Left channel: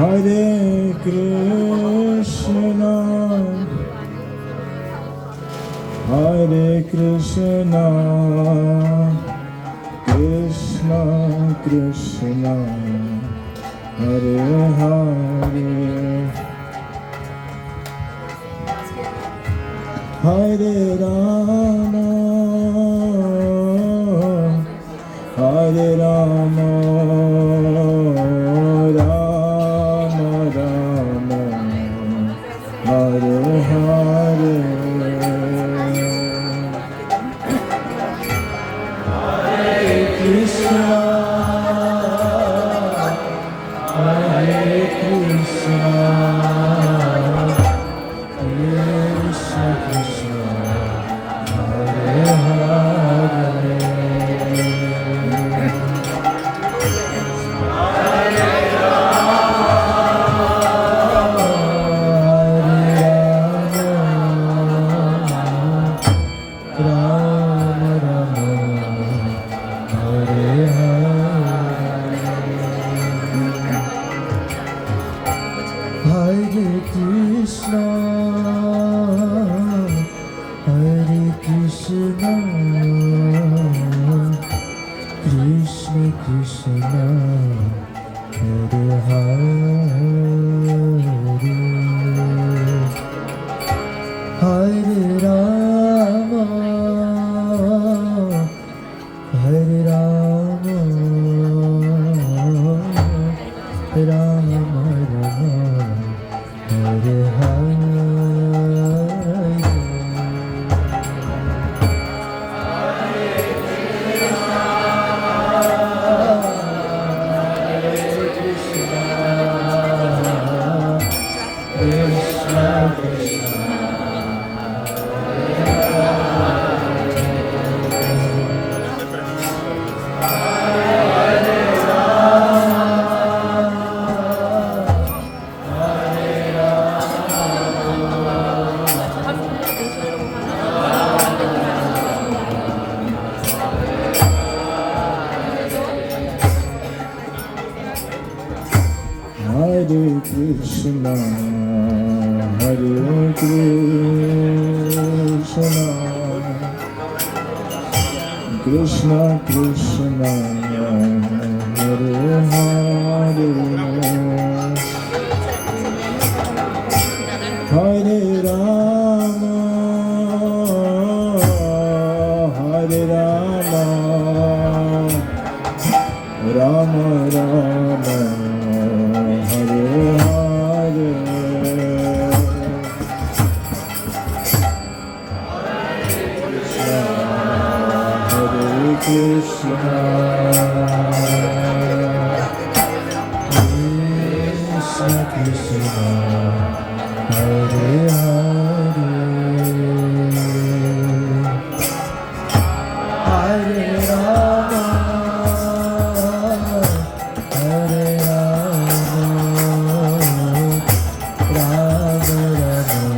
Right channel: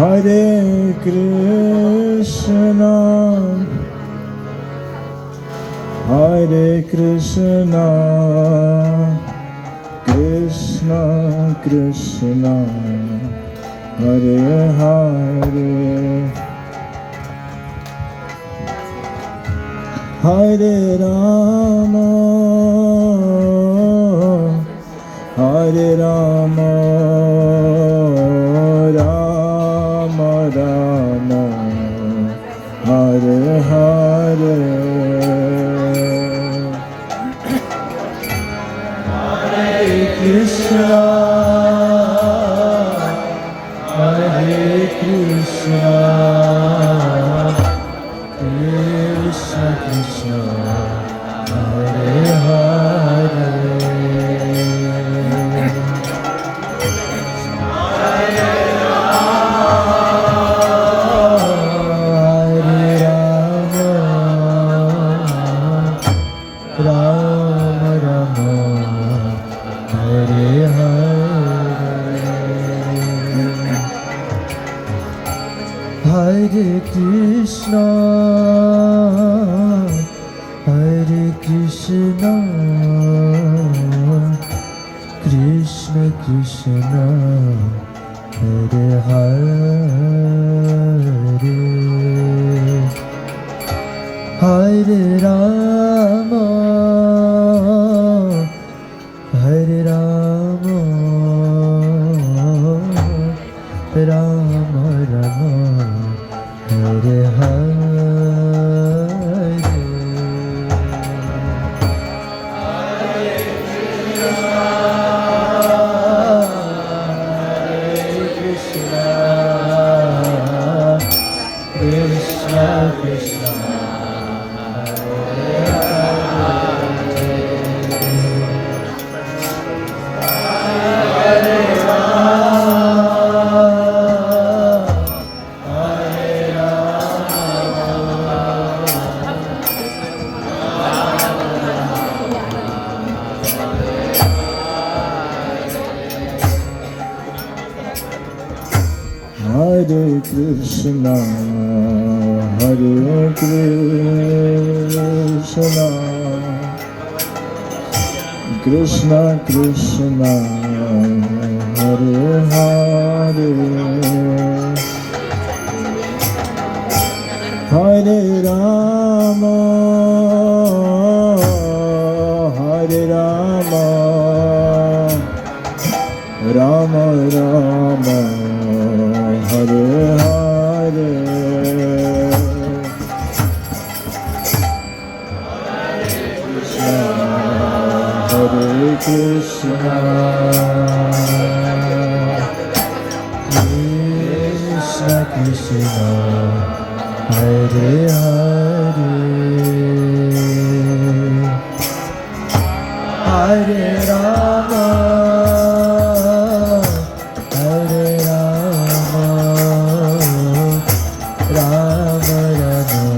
Hare Krishna, Hare Krishna, Krishna Krishna, Hare Hare, Hare Rama, Hare Rama, Rama Rama, Hare Hare, Hare Krishna, Hare Krishna, Krishna Krishna, Hare Hare, Hare Krishna, Hare Krishna, Krishna Krishna, Hare Hare, Hare Rama, Hare Rama, Rama Rama, Hare Hare, Krishna Krishna, Hare Krishna, Hare Krishna, Krishna Krishna, Hare Hare, Hare Rama, Hare Rama, Rama Rama, Hare Hare, Hare Krishna, Krishna Krishna, Hare Hare, Hare Rama, Hare Rama, Rama Rama,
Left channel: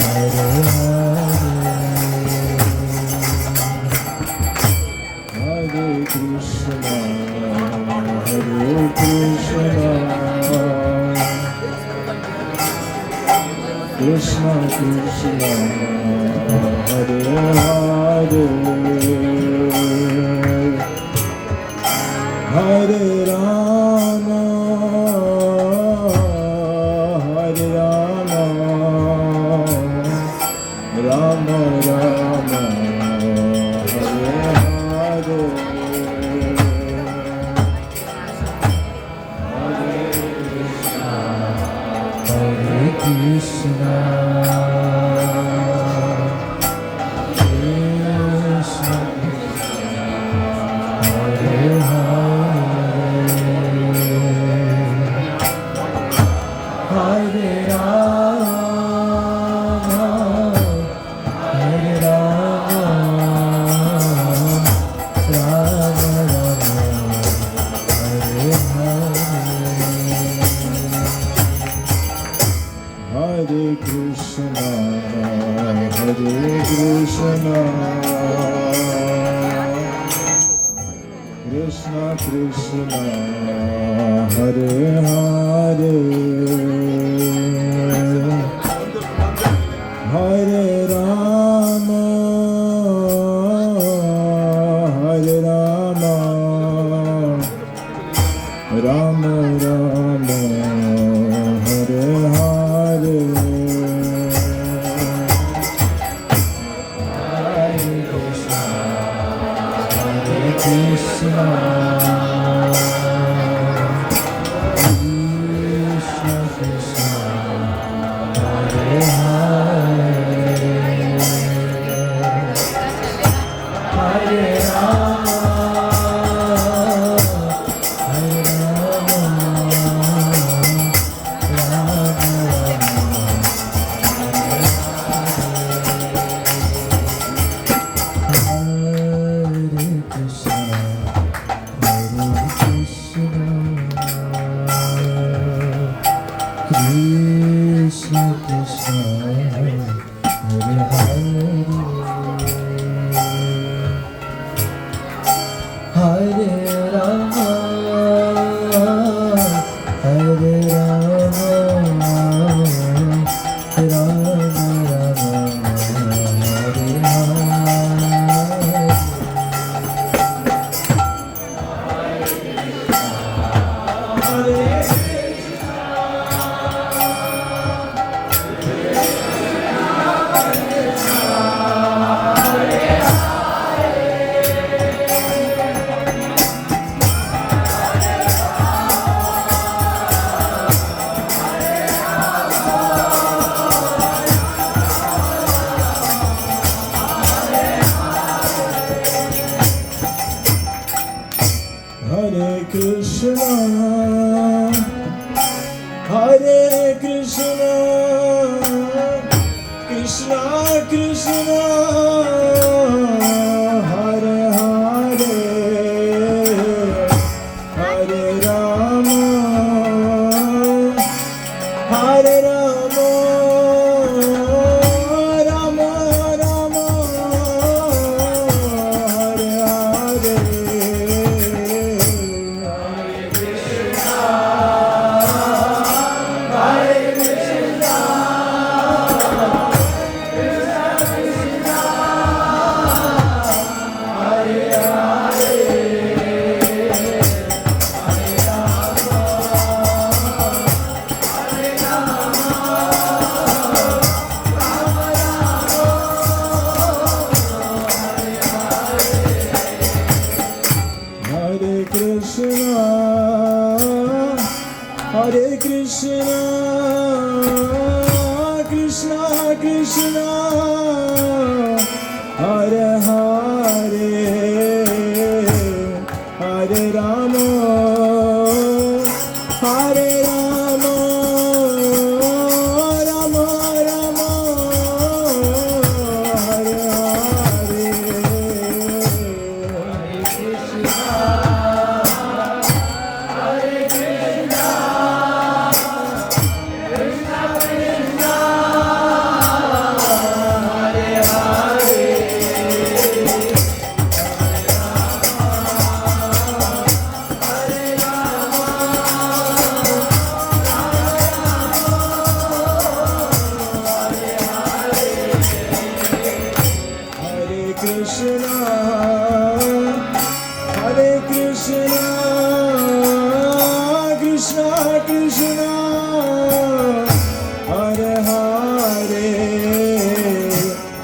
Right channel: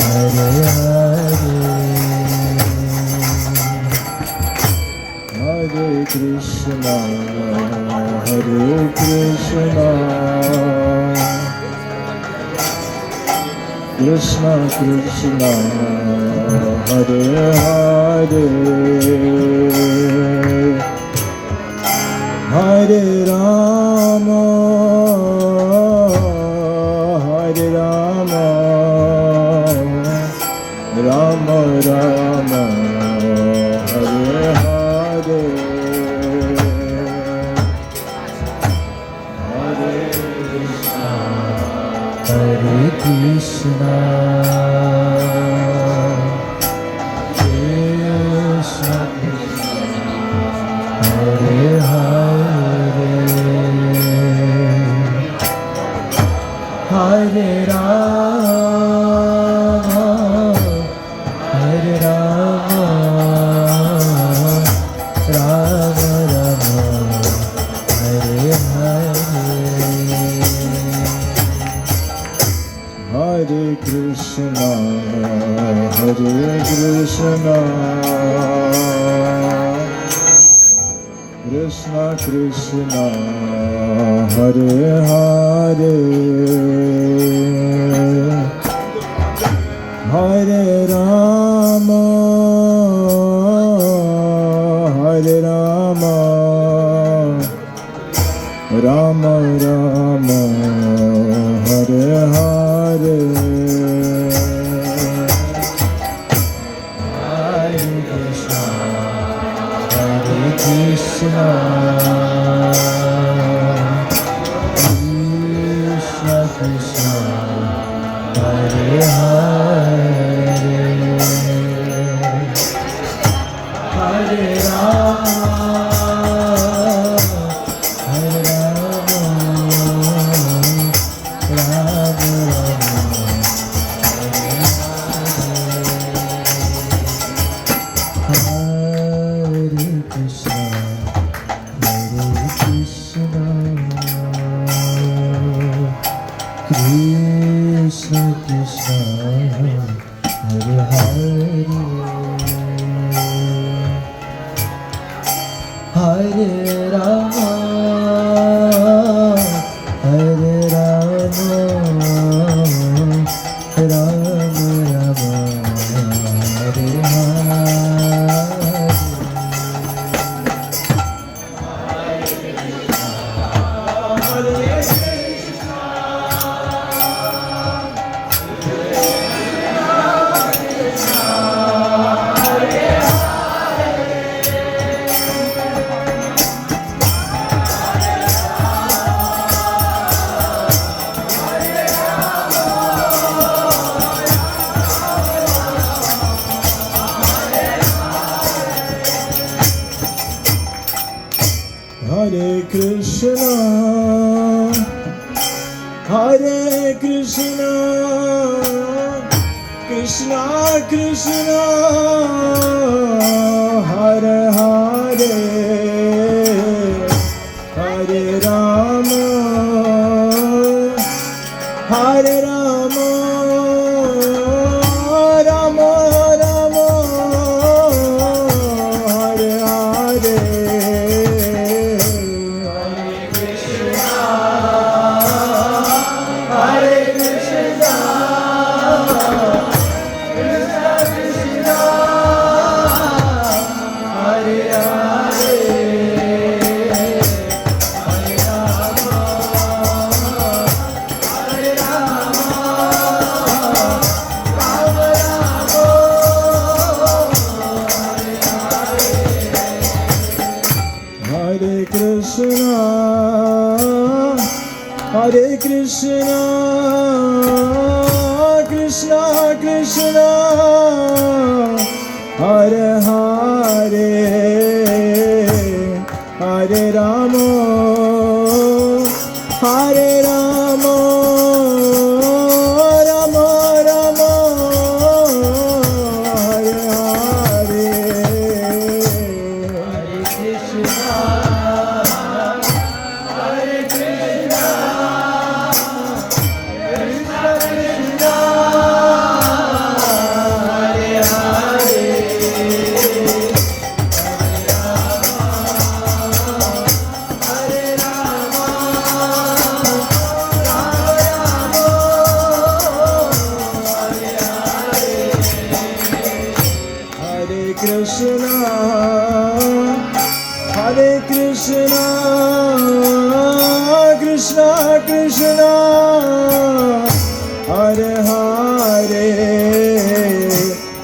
Hare Hare, Hare Krishna, Hare Krishna, Krishna Krishna, Hare Hare, Hare Rama, Hare Rama, Rama Rama, Hare Hare, Hare Krishna, Krishna Krishna, Krishna Krishna Hare Hare Hare Rama Hare Rama Rama Rama Hare Hare Krishna Krishna Krishna Hare Hare Hare Rama Hare Rama Krishna Krishna Hare Hare Hare Rama Hare Rama Rama Rama Hare Hare Krishna Hare Krishna Krishna Krishna Hare Hare Hare Rama Hare Rama Rama Rama Hare Hare Hare Krishna Hare Krishna Krishna Krishna Hare Hare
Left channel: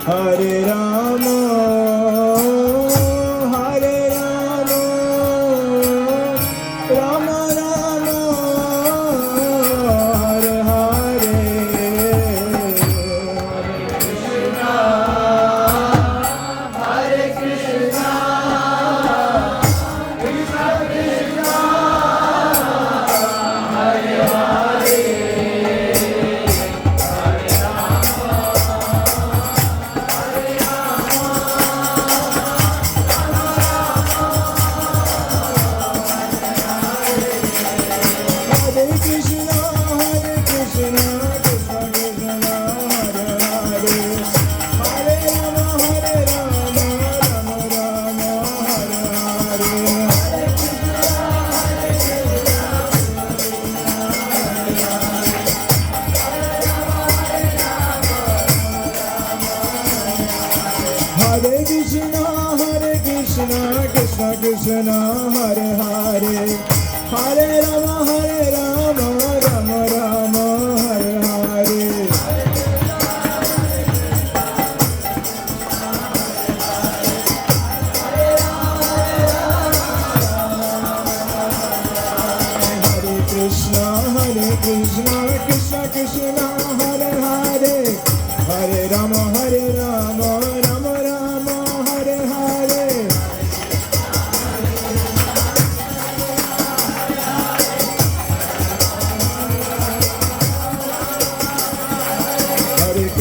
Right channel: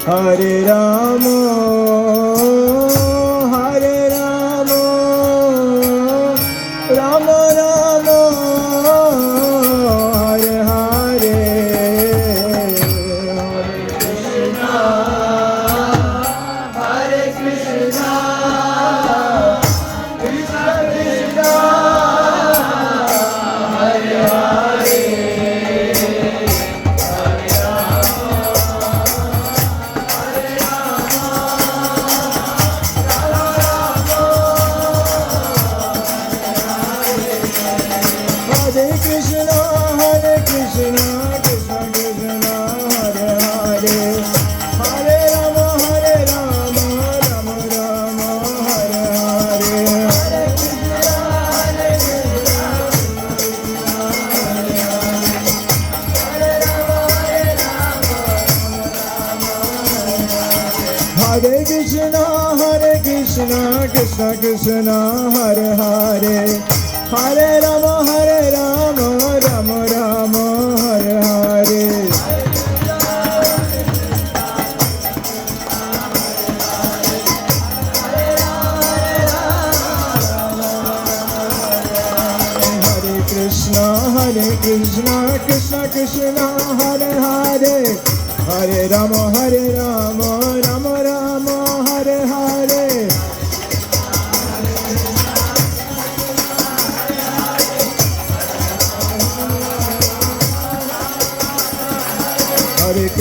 Hare Rama Hare Rama Rama Rama Hare Hare Hare Krishna Krishna Krishna Krishna Hare Hare Hare Rama Rama Rama Hare Hare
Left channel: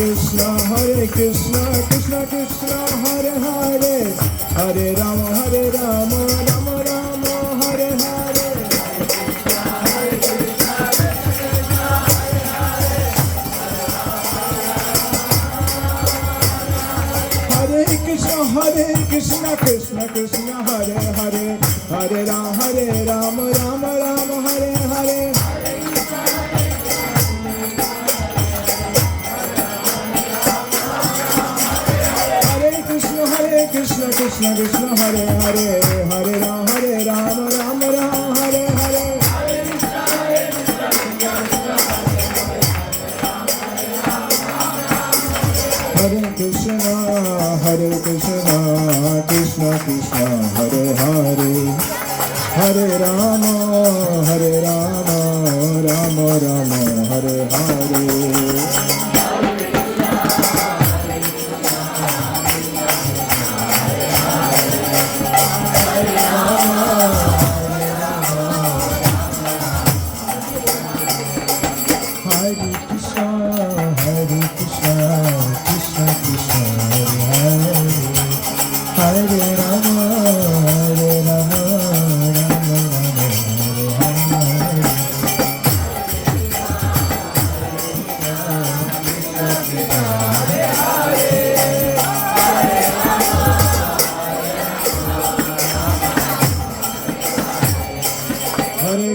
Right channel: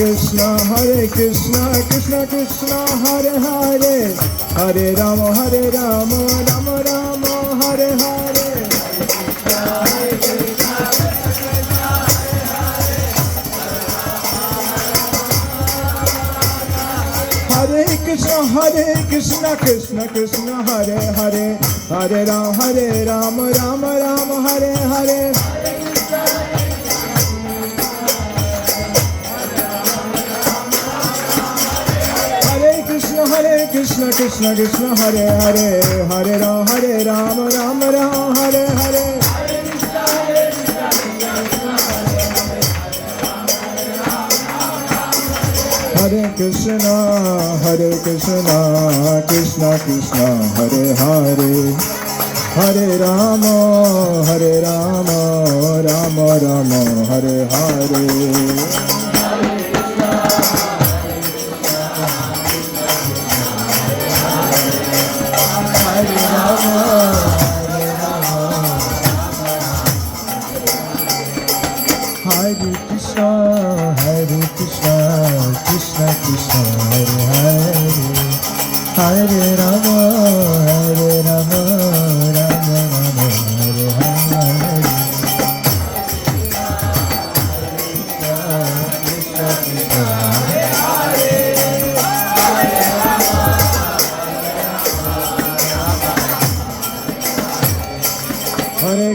Krishna Krishna Krishna Hare Hare Hare Rama Rama Rama Hare Hare Hare Krishna Krishna Krishna Hare Hare Hare Rama Rama Rama Hare Hare Hare Krishna Krishna Krishna Hare Hare Hare Rama Rama Hare Hare Hare Krishna Krishna Krishna Hare Hare Hare Rama Rama Hare Hare Hare Krishna Krishna Krishna Hare Hare Hare Rama Rama Rama Hare Hare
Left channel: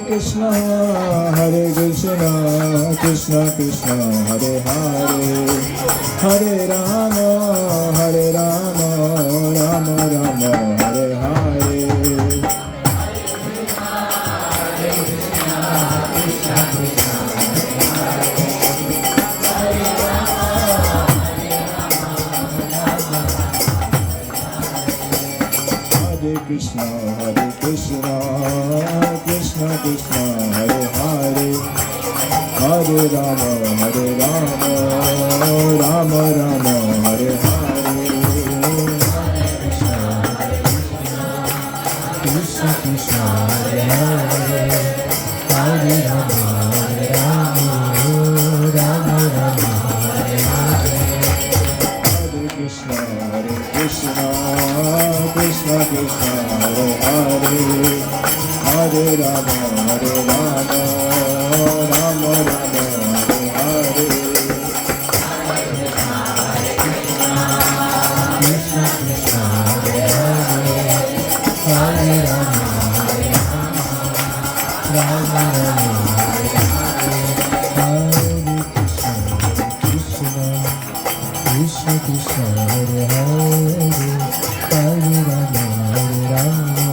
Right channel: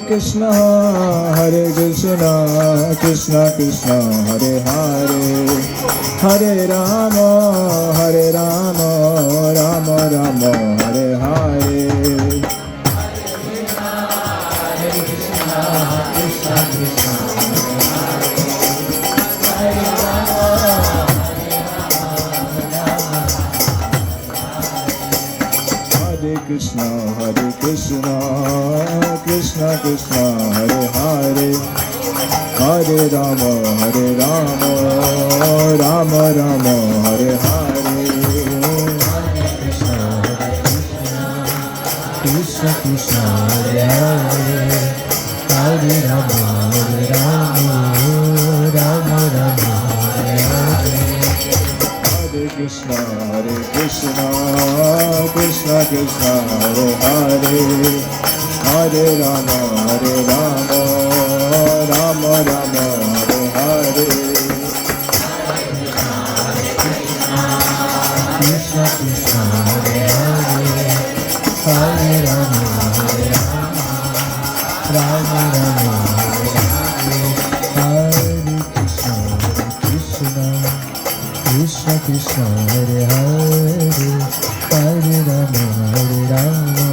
Krishna Krishna Krishna Hare Hare Hare Rama Rama Rama Hare Hare Krishna Krishna Krishna Hare Hare Hare Rama Rama Rama Hare Hare Krishna Krishna Hare Hare Hare Rama Rama Rama Hare Hare Hare Krishna Krishna Krishna Hare Hare Hare Rama Rama Rama Hare Hare Krishna Krishna Hare Hare Hare Rama Rama Rama Hare Krishna Krishna Krishna Hare Hare Hare Rama Rama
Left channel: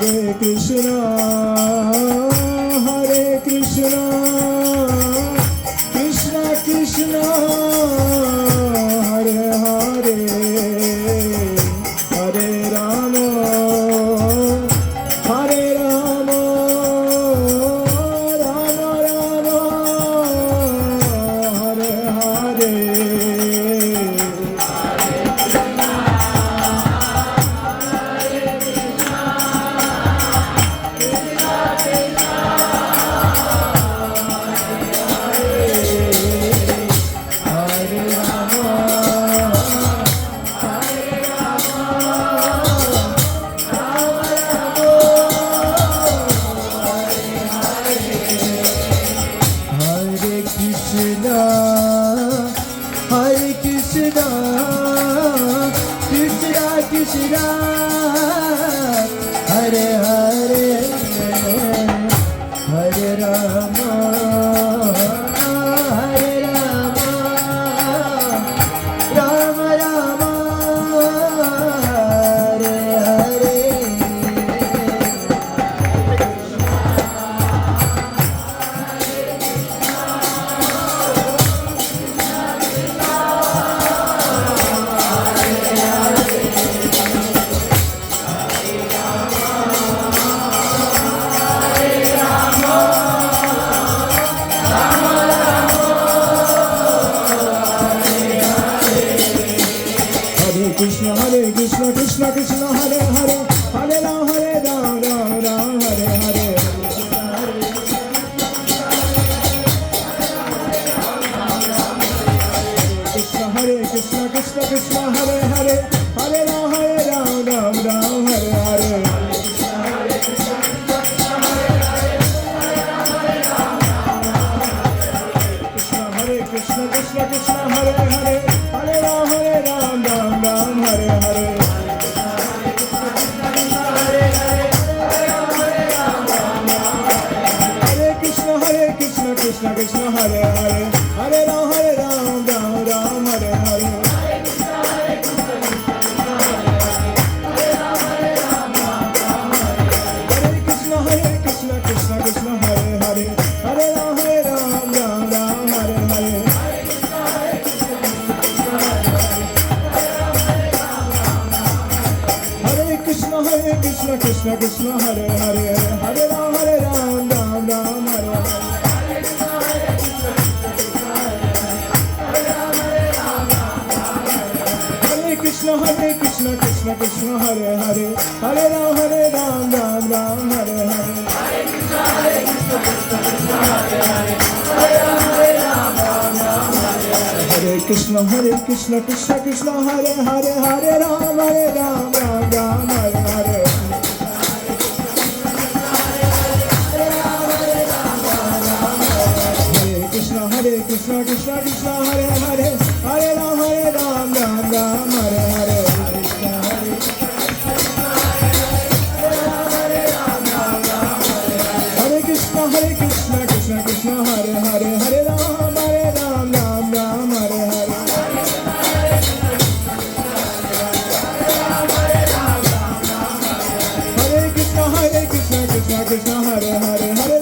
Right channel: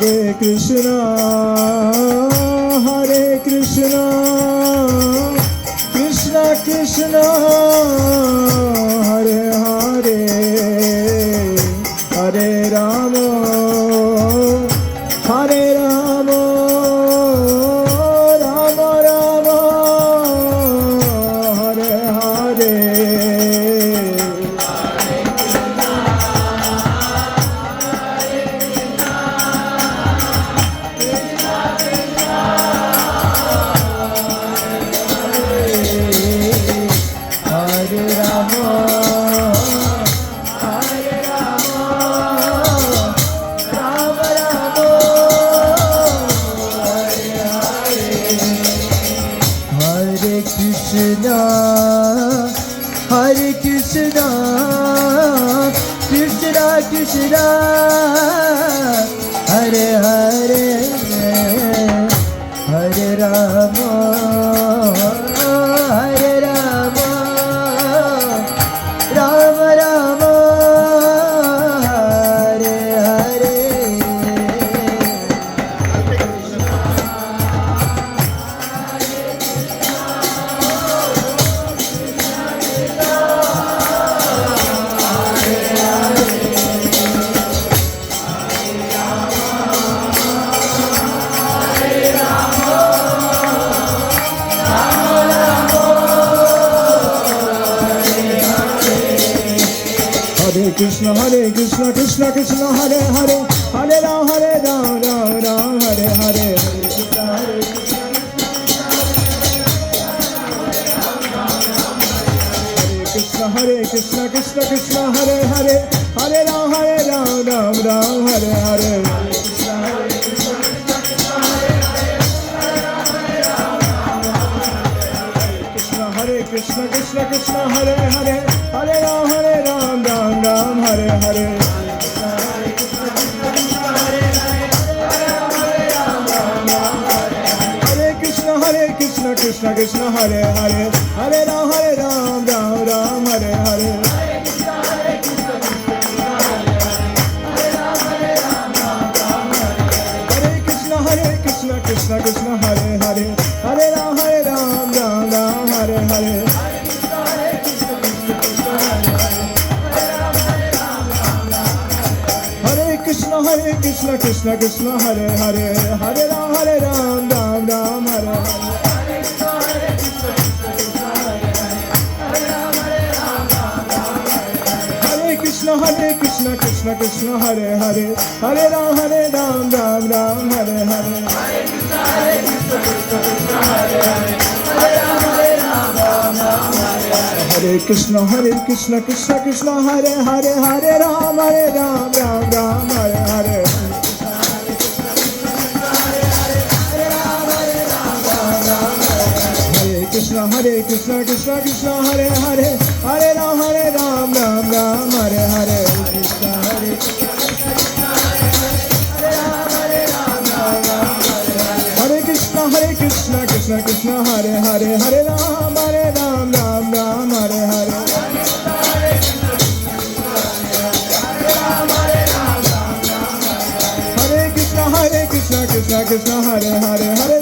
Hare Krishna, Hare Krishna, Krishna Krishna, Hare Hare, Hare Rama, Hare Rama, Rama Rama, Hare Hare. Hare Krishna, Krishna Krishna, Hare Hare, Hare Rama, Hare Rama, Rama Rama, Hare Hare. Krishna, Hare Krishna, Krishna Krishna, Hare Hare, Hare Ram, Ram Ram, Hare Hare. Hare Krishna, Krishna Krishna, Hare Hare, Hare Ram, Ram Ram, Hare Hare. Hare Krishna, Krishna Krishna, Hare Hare, Hare Ram, Ram Ram, Hare Hare. Hare Krishna, Krishna Krishna, Hare Hare, Hare Ram, Ram Ram, Hare Hare. Hare Krishna, Krishna Krishna, Hare Hare, Hare Ram, Ram Ram, Hare Hare. Hare Krishna, Krishna Krishna, Hare Hare, Hare Ram, Ram Ram, Hare Hare. Hare Krishna, Krishna Krishna, Hare Hare, Hare Ram, Ram Ram, Hare Hare. Hare Krishna, Krishna Krishna, Hare Hare, Hare Ram, Ram Ram, Hare Hare. Hare Krishna, Krishna Krishna, Hare Hare, Hare Ram, Ram Ram, Hare Hare. Hare Krishna, Krishna Krishna, Hare Hare, Hare Ram, Ram Ram, Hare Hare. Hare Krishna, Krishna Hare Hare, Hare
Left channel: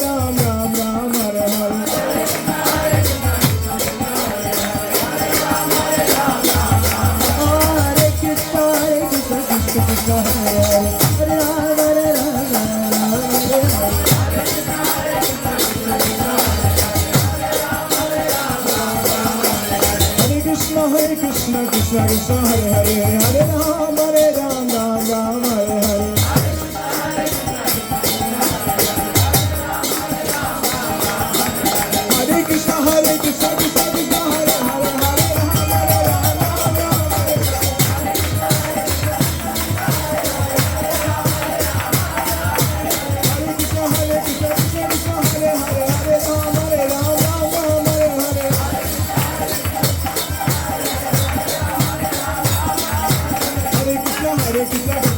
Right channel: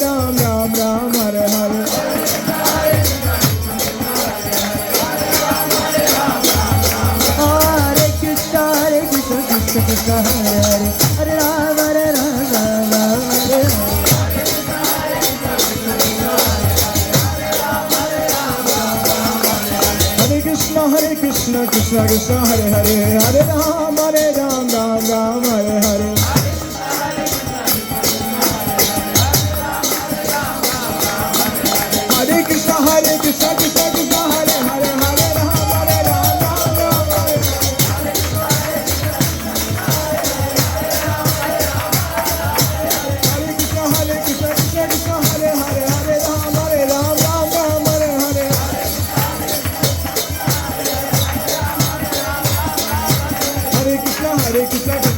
Ram, Ram Ram, Hare Hare. Hare Krishna, Krishna Hare Hare, Hare Ram, Ram Ram, Hare Hare. Hare Krishna, Krishna Krishna, Hare Hare, Hare Ram, Ram Ram, Hare Hare. Hare Krishna, Krishna Krishna, Hare Hare,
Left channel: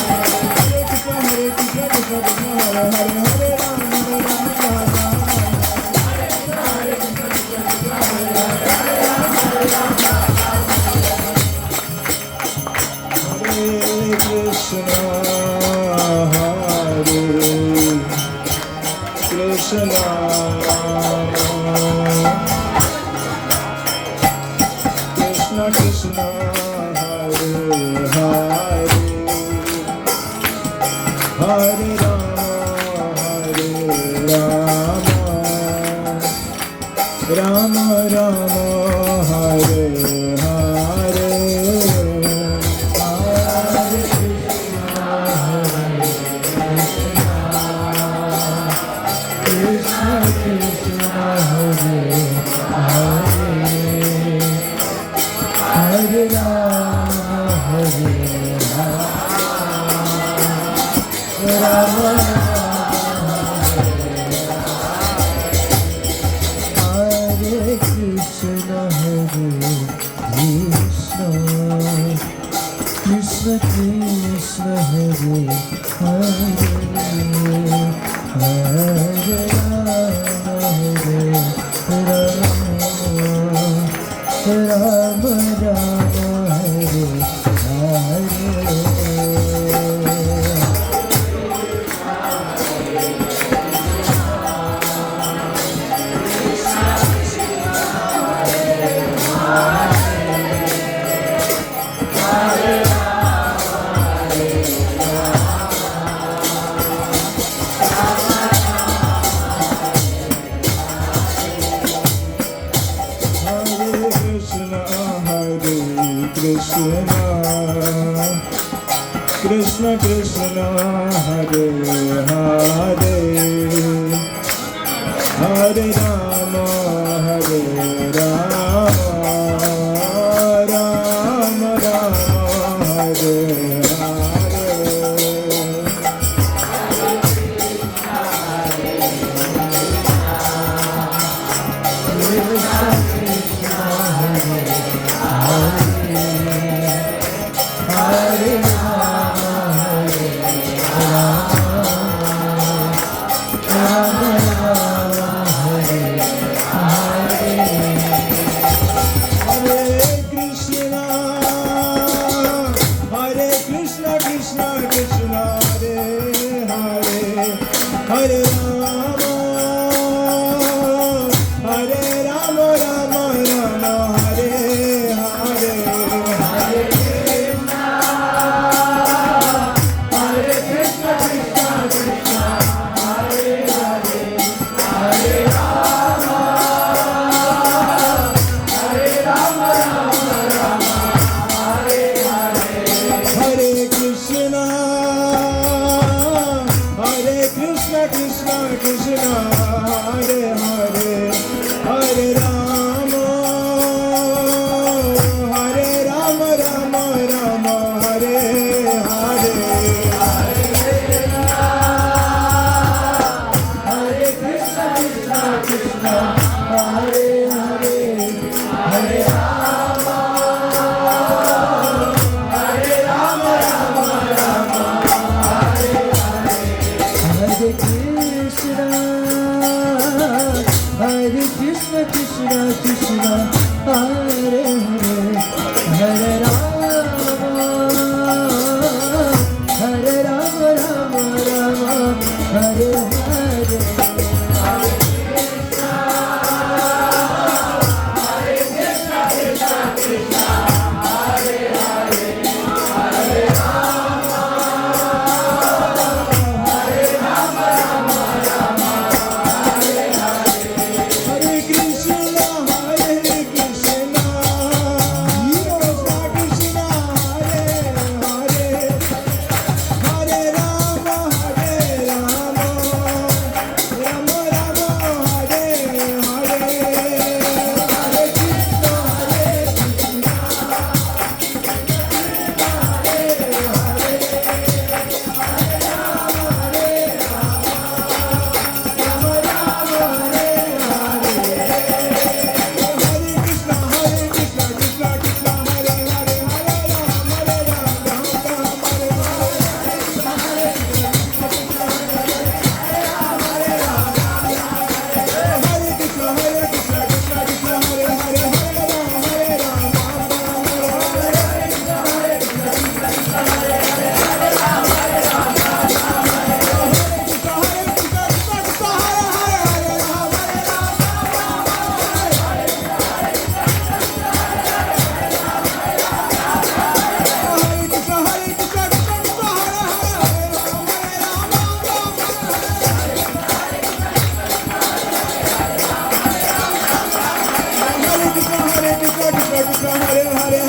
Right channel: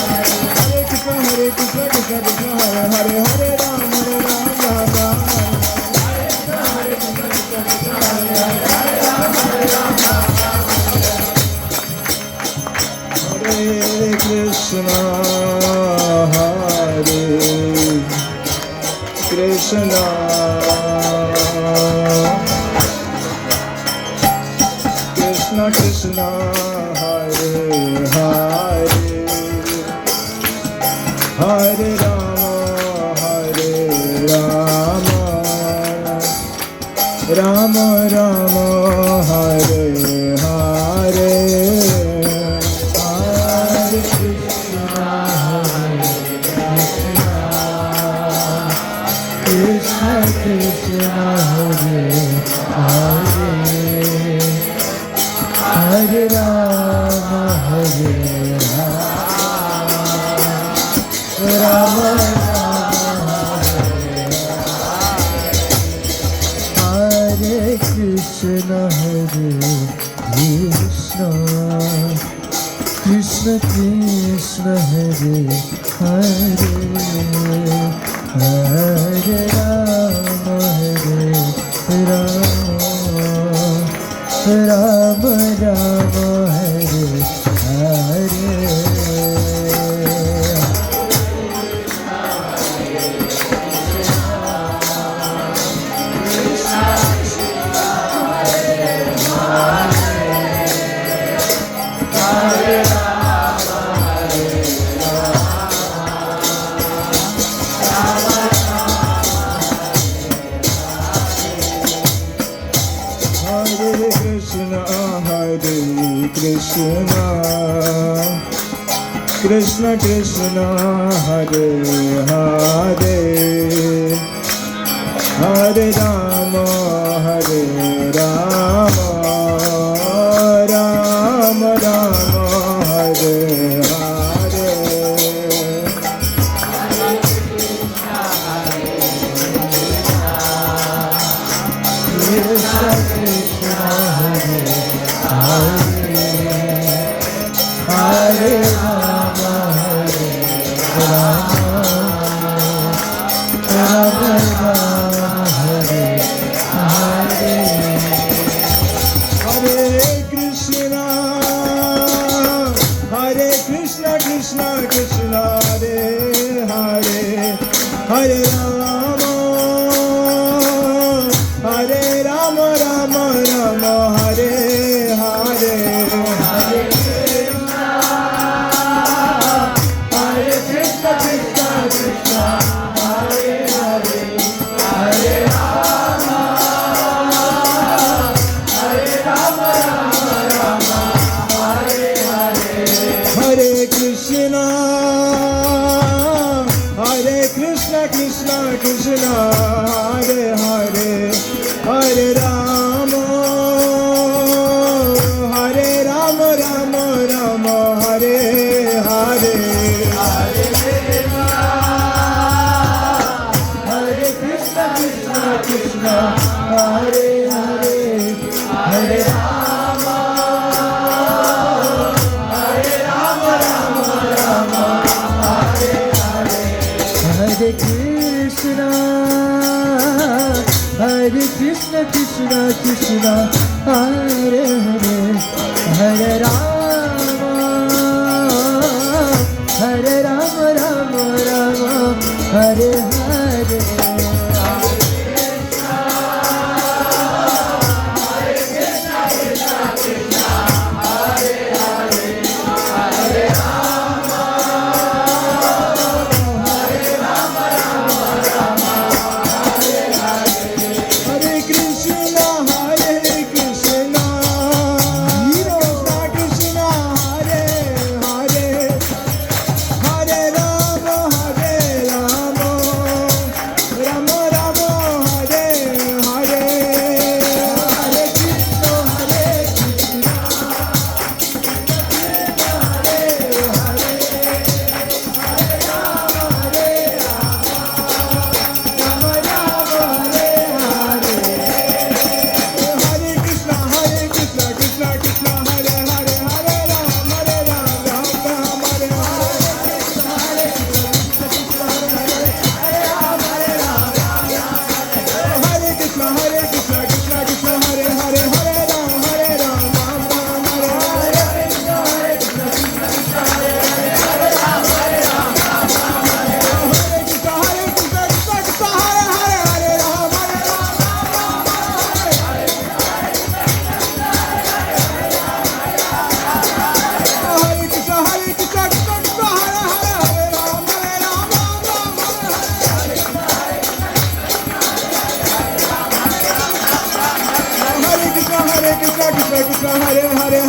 Hare Ram, Ram Ram. Hare Krishna Krishna Krishna Hare Hare Hare Rama Rama Hare Hare Hare Krishna Krishna Krishna Hare Hare Hare Rama Hare Rama Hare Krishna Krishna Krishna Hare Hare Hare Rama Rama Rama Hare Hare Krishna Krishna Hare Hare Hare Rama Hare Rama Rama Rama Hare Hare Krishna Krishna Hare Hare Hare Hare Hare